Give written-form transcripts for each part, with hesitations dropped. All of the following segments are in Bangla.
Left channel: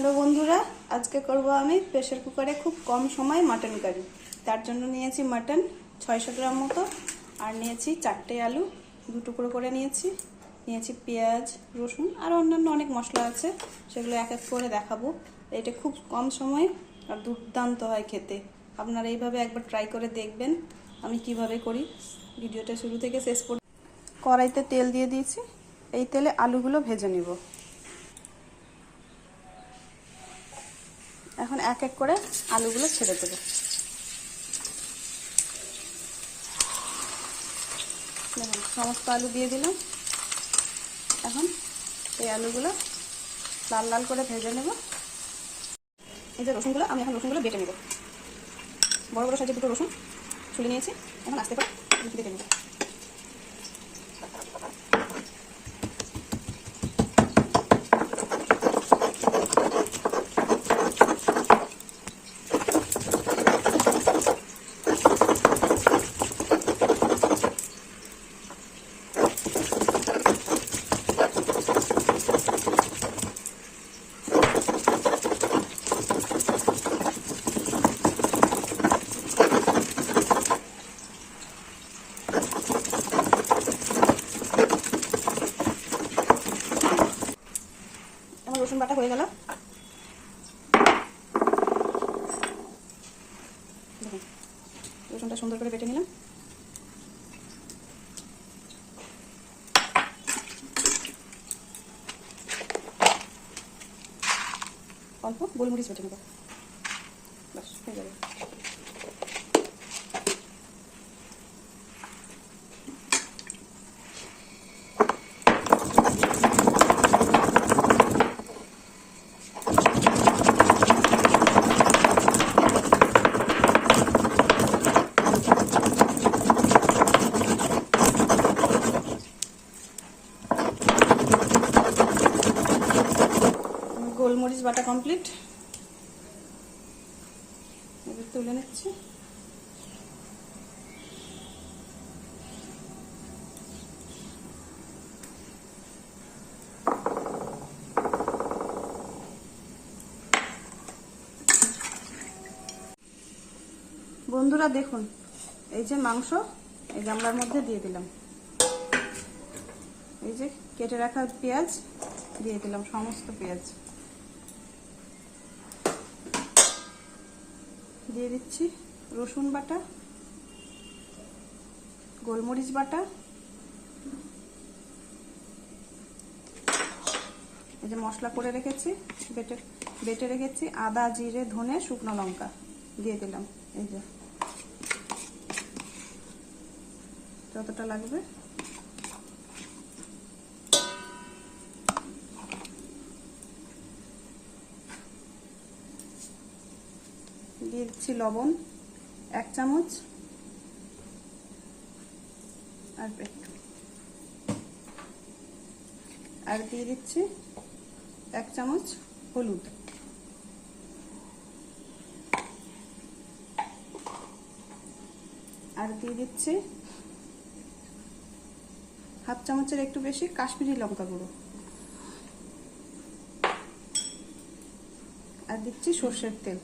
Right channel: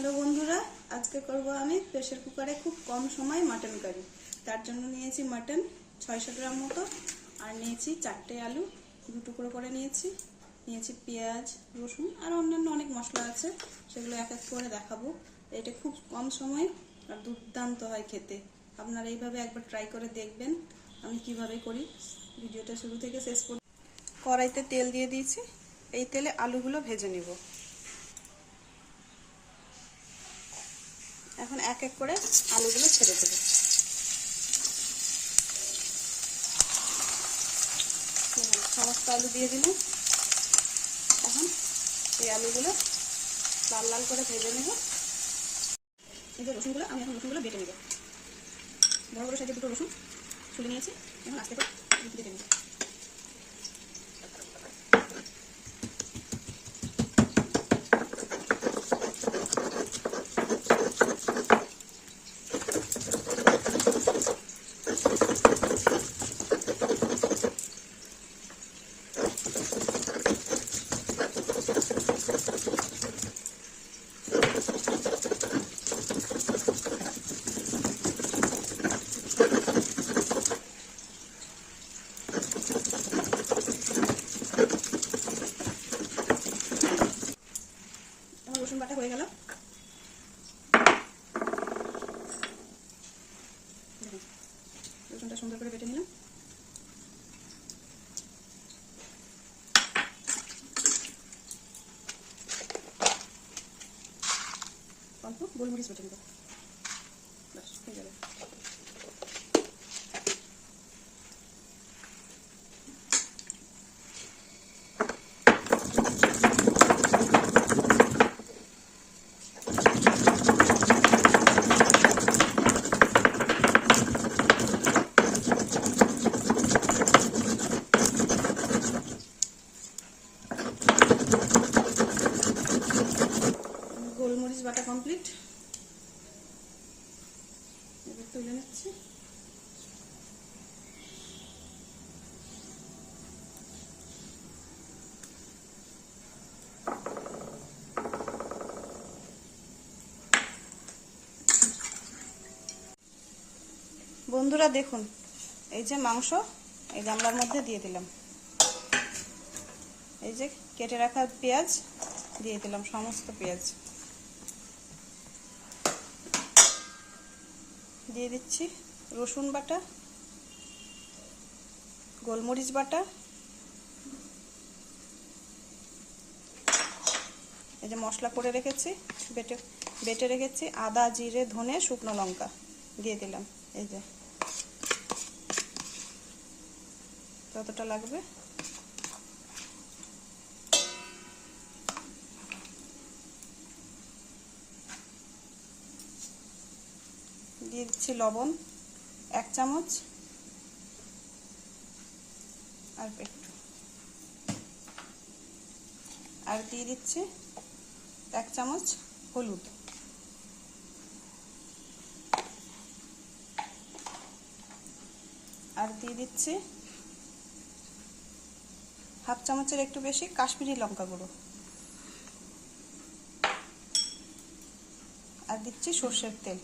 হ্যালো বন্ধুরা, আজকে করব আমি প্রেসার কুকারে খুব কম সময় মাটন কারি। তার জন্য নিয়েছি মাটন 600 গ্রাম মতো, আর নিয়েছি 4টে আলু 2 টুকরো করে নিয়েছি পেঁয়াজ, রসুন আর অন্যান্য অনেক মশলা আছে, সেগুলো এক এক করে দেখাবো। এটা খুব কম সময় আর দুর্দান্ত হয় খেতে। আপনারা এইভাবে একবার ট্রাই করে দেখবেন আমি কিভাবে করি। ভিডিওটা শুরু থেকে শেষ পর্যন্ত। কড়াইতে তেল দিয়ে দিয়েছি, এই তেলে আলুগুলো ভেজে নিব। এখন এক এক করে আলুগুলো ছেড়ে দেব। দেখুন সমস্ত আলু দিয়ে দিলাম। এখন এই আলুগুলো লাল লাল করে ভেজে নেব। এই যে রসুনগুলো, আমি এখন রসুনগুলো বেটে নেব। বড় বড় সাইজের 2টো রসুন ছুলে নিয়েছি, এখন আস্তে করে বেটে নেব। রসুন বাটা হয়ে গেল। দেখুন রসুনটা সুন্দর করে বেটে নিলাম। অল্প গোলমরিচ বেটে নেব, বাস হয়ে যাবে। গোলমরিচ বাটা কমপ্লিট, এবার তুলে নিচ্ছি। বন্ধুরা দেখুন, এই যে মাংস এই গামলার মধ্যে দিয়ে দিলাম, এই যে কেটে রাখা পেঁয়াজ দিয়ে দিলাম, সমস্ত পেঁয়াজ দিয়ে দিচ্ছি। রসুন বাটা, গোলমরিচ বাটা, এই যে মশলা করে রেখেছি, বেটে রেখেছি, আদা, জিরে, ধনে, শুকনো লঙ্কা দিয়ে দিলাম। এই যে যতটা লাগবে দিয়ে দিচ্ছি। লবণ 1 চামচ, আর একটু, আর দিয়ে দিচ্ছি 1 চামচ হলুদ, আর দিয়ে দিচ্ছি 1/2 চামচের একটু বেশি কাশ্মীরি লঙ্কা গুঁড়ো, আর দিচ্ছি সরষের তেল।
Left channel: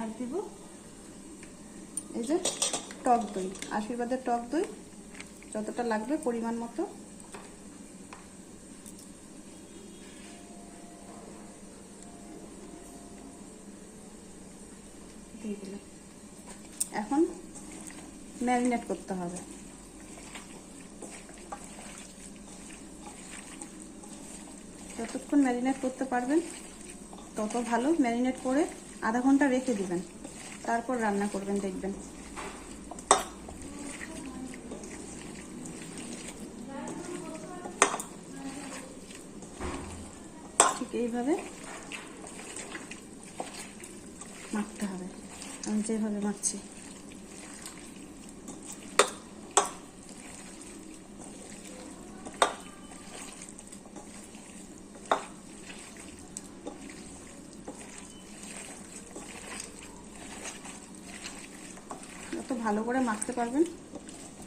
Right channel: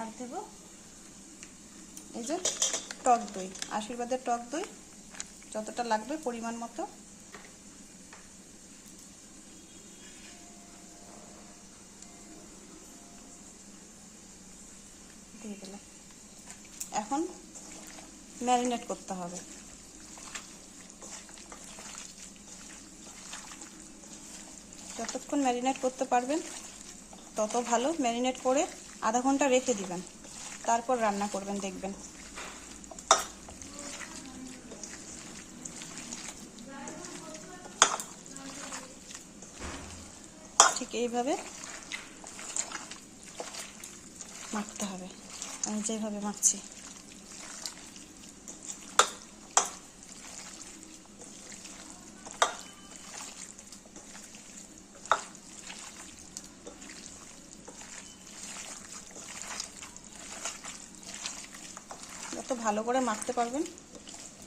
আর দিব এই যে টক দই, আশীর্বাদের টক দই, যতটা লাগবে পরিমাণ মতো দিয়ে দিলাম। এখন ম্যারিনেট করতে হবে। যতক্ষণ ম্যারিনেট করতে পারবেন তত ভালো। ম্যারিনেট করে আধা ঘন্টা রেখে দিবেন, তারপর রান্না করবেন, দেখবেন ঠিক এইভাবে মাখতে হবে, আমি যেভাবে মাখছি। যত ভালো করে মাখতে পারবেন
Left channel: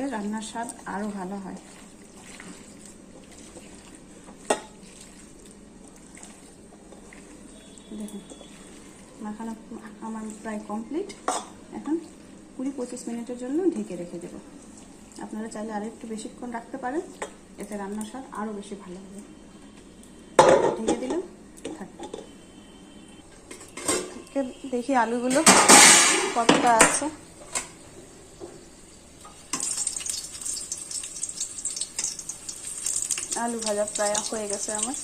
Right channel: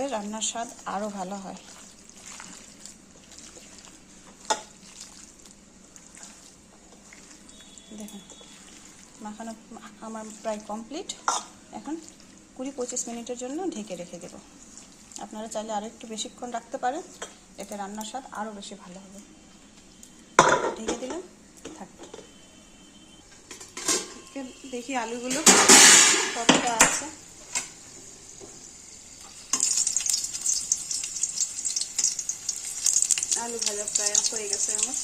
এতে রান্নার স্বাদ আরো ভালো হয়। দেখুন মাখানো আমার প্রায় কমপ্লিট। এখন 20-25 মিনিটের জন্য ঢেকে রেখে দেব। আপনারা চাইলে আরো একটু বেশিক্ষণ রাখতে পারেন, এতে রান্নার স্বাদ আরো বেশি ভালো হবে। ঢেকে দিলাম, থাকবে। দেখি আলুগুলো কতটা আছে। আলু ভাজা প্রায় হয়ে গেছে আমার।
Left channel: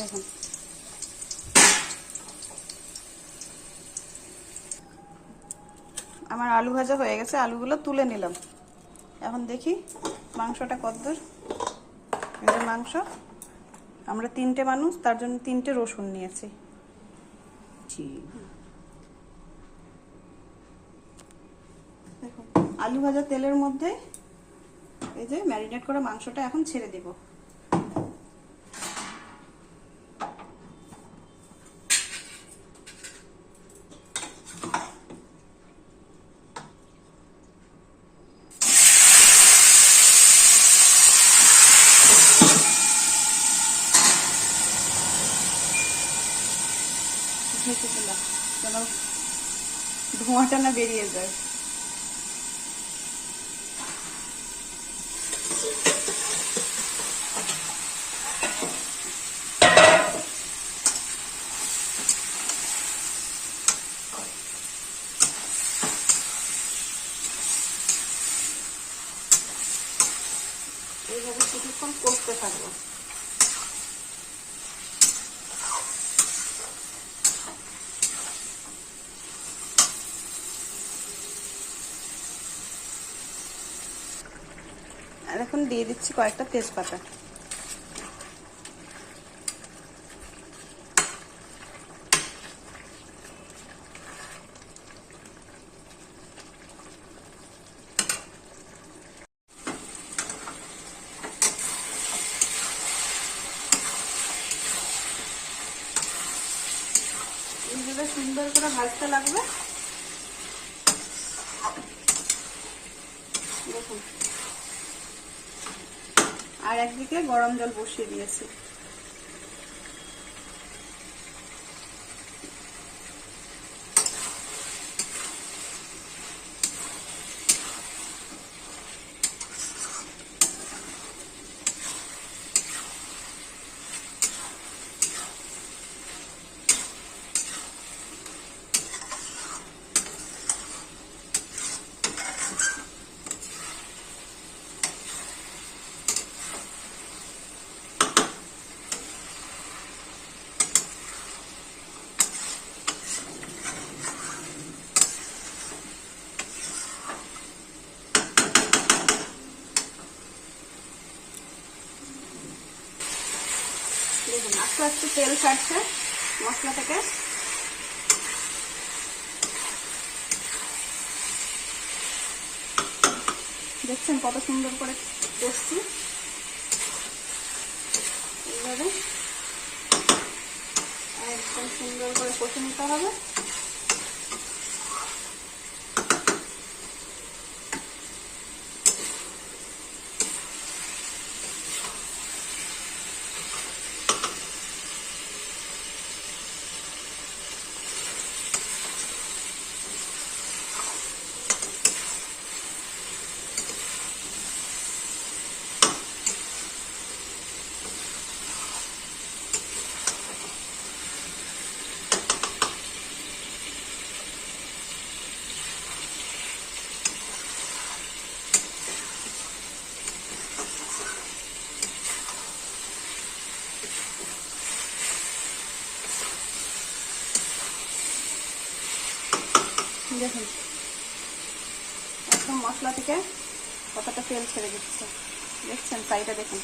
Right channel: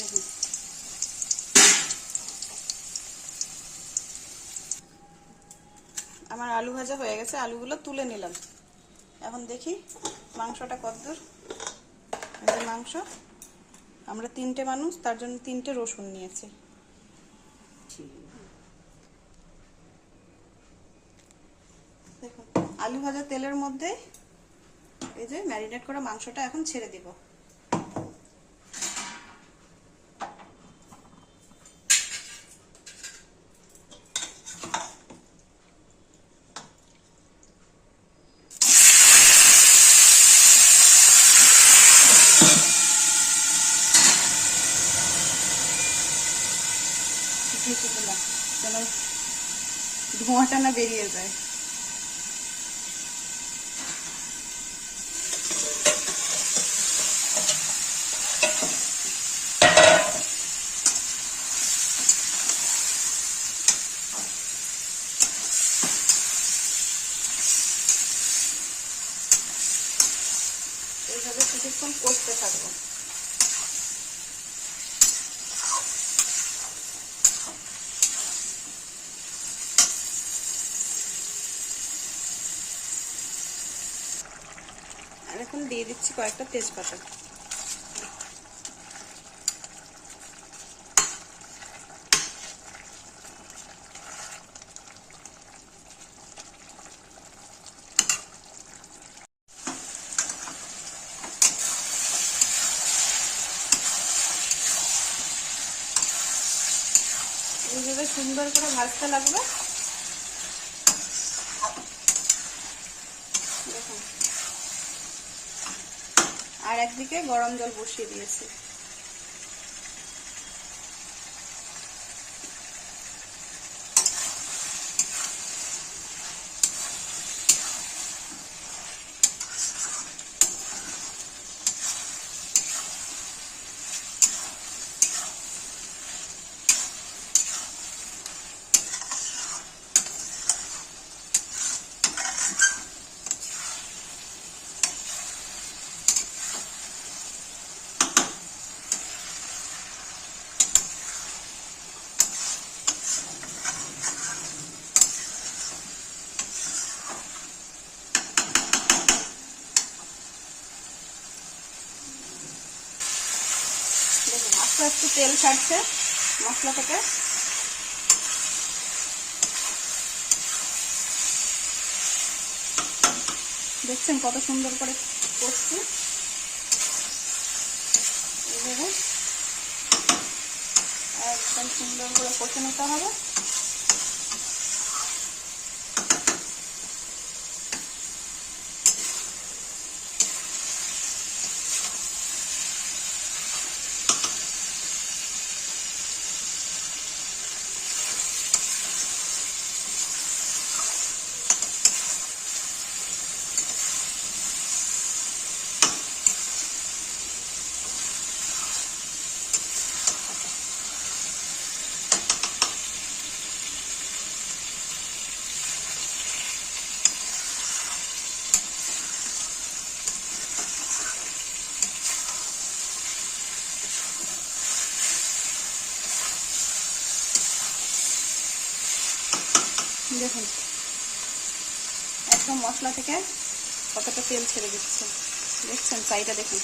দেখুন আমার আলু ভাজা হয়ে গেছে, আলুগুলো তুলে নিলাম। এখন দেখি মাংসটা কতদূর। এই যে মাংস, আমরা 3টে মানুষ, তার জন্য 3টে রসুন নিয়েছি। দেখুন আলু ভাজা তেলের মধ্যে এই যে ম্যারিনেট করা মাংসটা এখন ছেড়ে দেব। ঢেকে দিলাম যেন ধোঁয়াটা না বেরিয়ে যায়। এইভাবে কিছুক্ষণ কষতে থাকবো। আর এখন দিয়ে দিচ্ছি কয়েকটা তেজপাতা। এইভাবে সুন্দর করে ভাজতে লাগবে। দেখুন আর একদিকে গরম জল বসিয়ে দিয়েছি। দেখুন আস্তে আস্তে তেল ছাড়ছে মশলা থেকে। দেখছেন কত সুন্দর করে কষছি। এইভাবে একদম সুন্দর করে কষে নিতে হবে। দেখুন একদম মশলা থেকে কতটা তেল ছেড়ে দিচ্ছে, দেখছেন সাইডে দেখুন।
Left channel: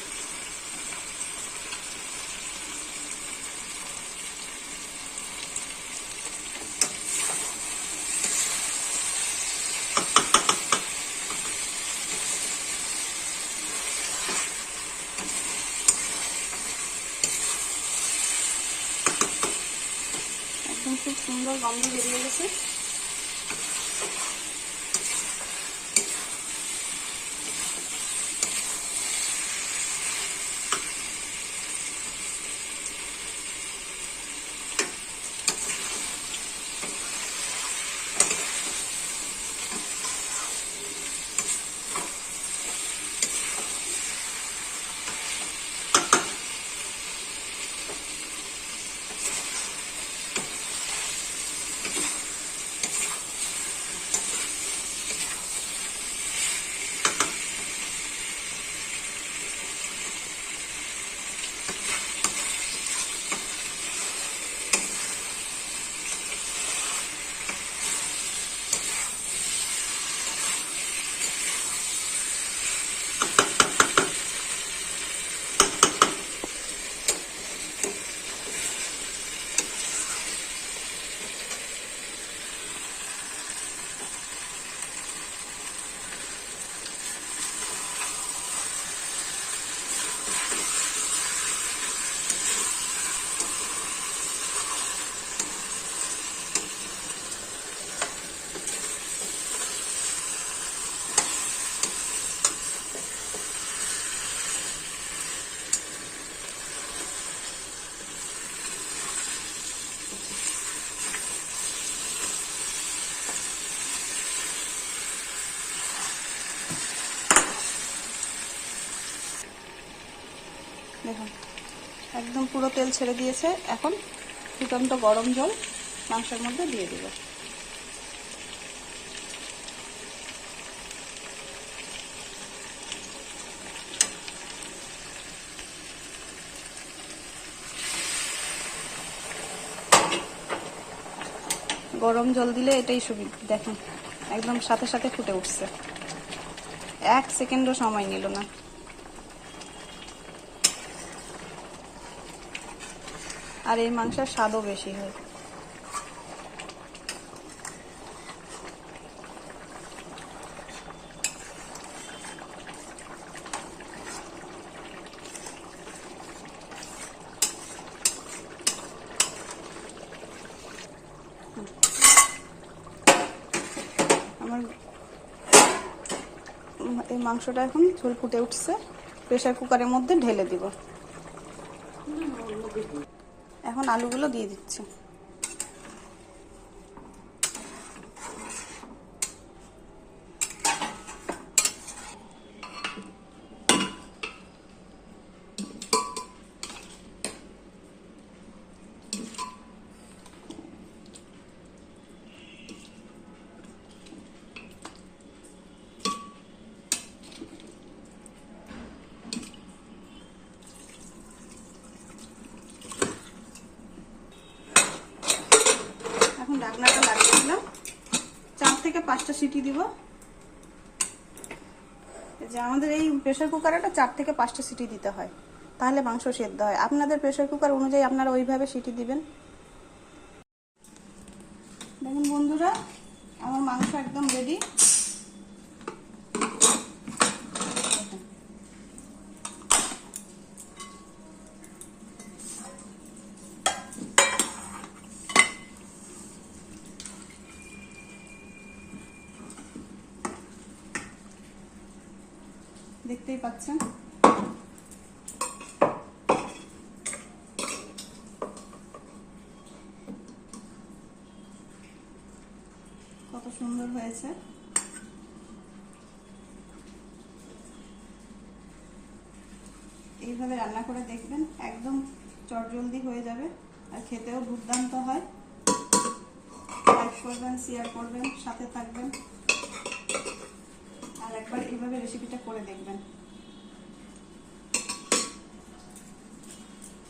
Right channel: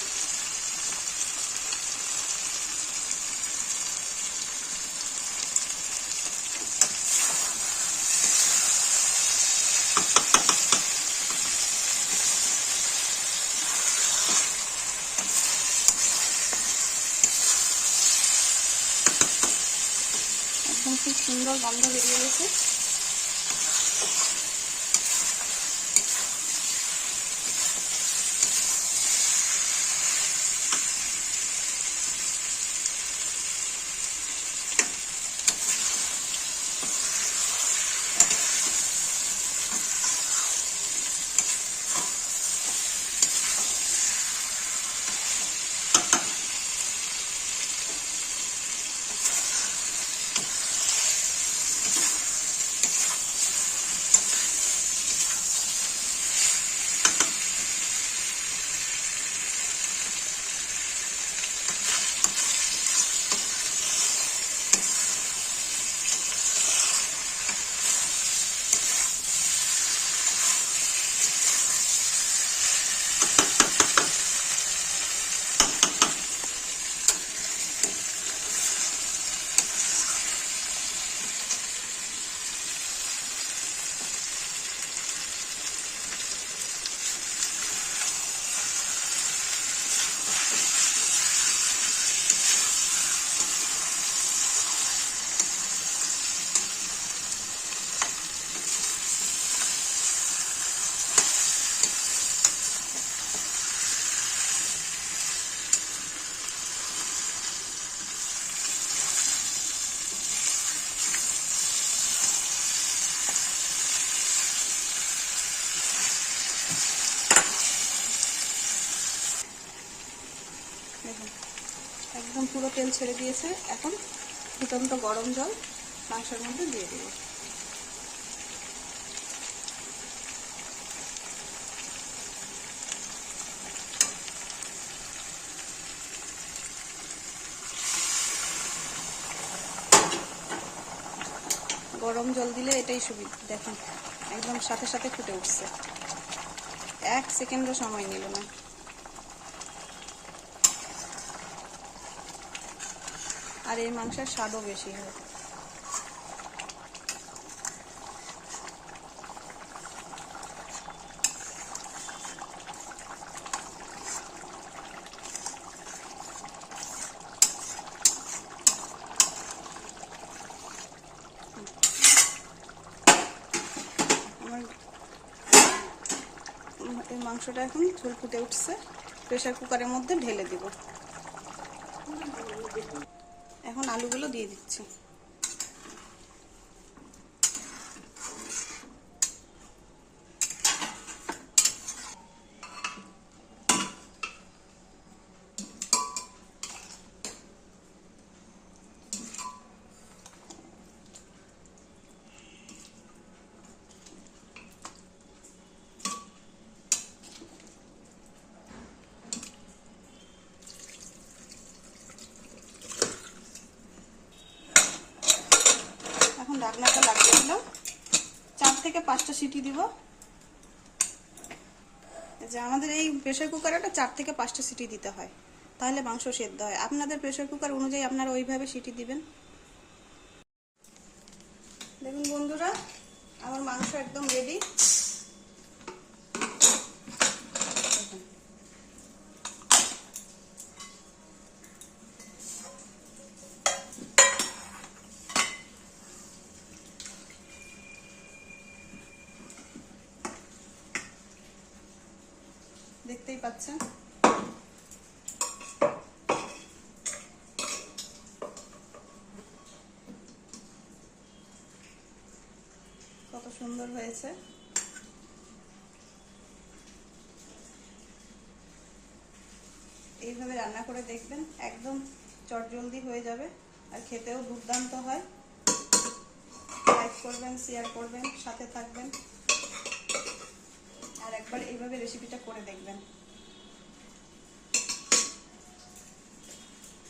খুব সুন্দর গন্ধ বেরিয়ে গেছে। দেখুন একদম পুরো তেল ছেড়ে দিয়েছে। এখন ফুটন্ত গরম জল মাংসের মধ্যে দিয়ে দেব। গরম জল দিলে এটাই সুবিধা। দেখুন একদম সাথে সাথে ফুটে উঠছে, 1 সেকেন্ডও সময় নিল না। আর এই মাংসের স্বাদও বেশি হয়। আমার এই মাংসটা এখন ঝোল ফুটে উঠছে, প্রেসার কুকারের মধ্যে ঢেলে দিব। এখন আলুগুলো দিয়ে দিচ্ছি। ঢাকনাটা লাগিয়ে দিলাম, 4 থেকে 5টা সিটি দিব। এই যে আমাদের এই প্রেসার কুকারটা 4 থেকে 5টা সিটি দিতে হয়, তাহলে মাংস সেদ্ধ হয়। আপনাদের প্রেসার কুকার অনুযায়ী আপনারা ওইভাবে সিটি দিবেন। দেখুন বন্ধুরা, আমার মাংস একদম রেডি। দেখতেই পাচ্ছেন কত সুন্দর হয়েছে। এইভাবে রান্না করে দেখবেন, একদম চটজলদি হয়ে যাবে আর খেতেও দুর্দান্ত হয়। লাইক করবেন, শেয়ার করবেন, সাথে থাকবেন আর একবার এইভাবে রেসিপিটা করে দেখবেন।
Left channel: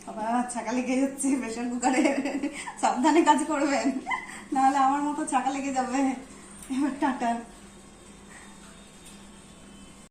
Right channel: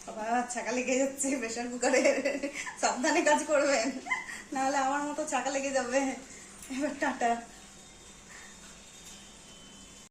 আবার ছাকা লেগে যাচ্ছে প্রেসার কুকারে, সাবধানে কাজ করবেন, নাহলে আমার মতো ছাকা লেগে যাবে। এবার টাটা।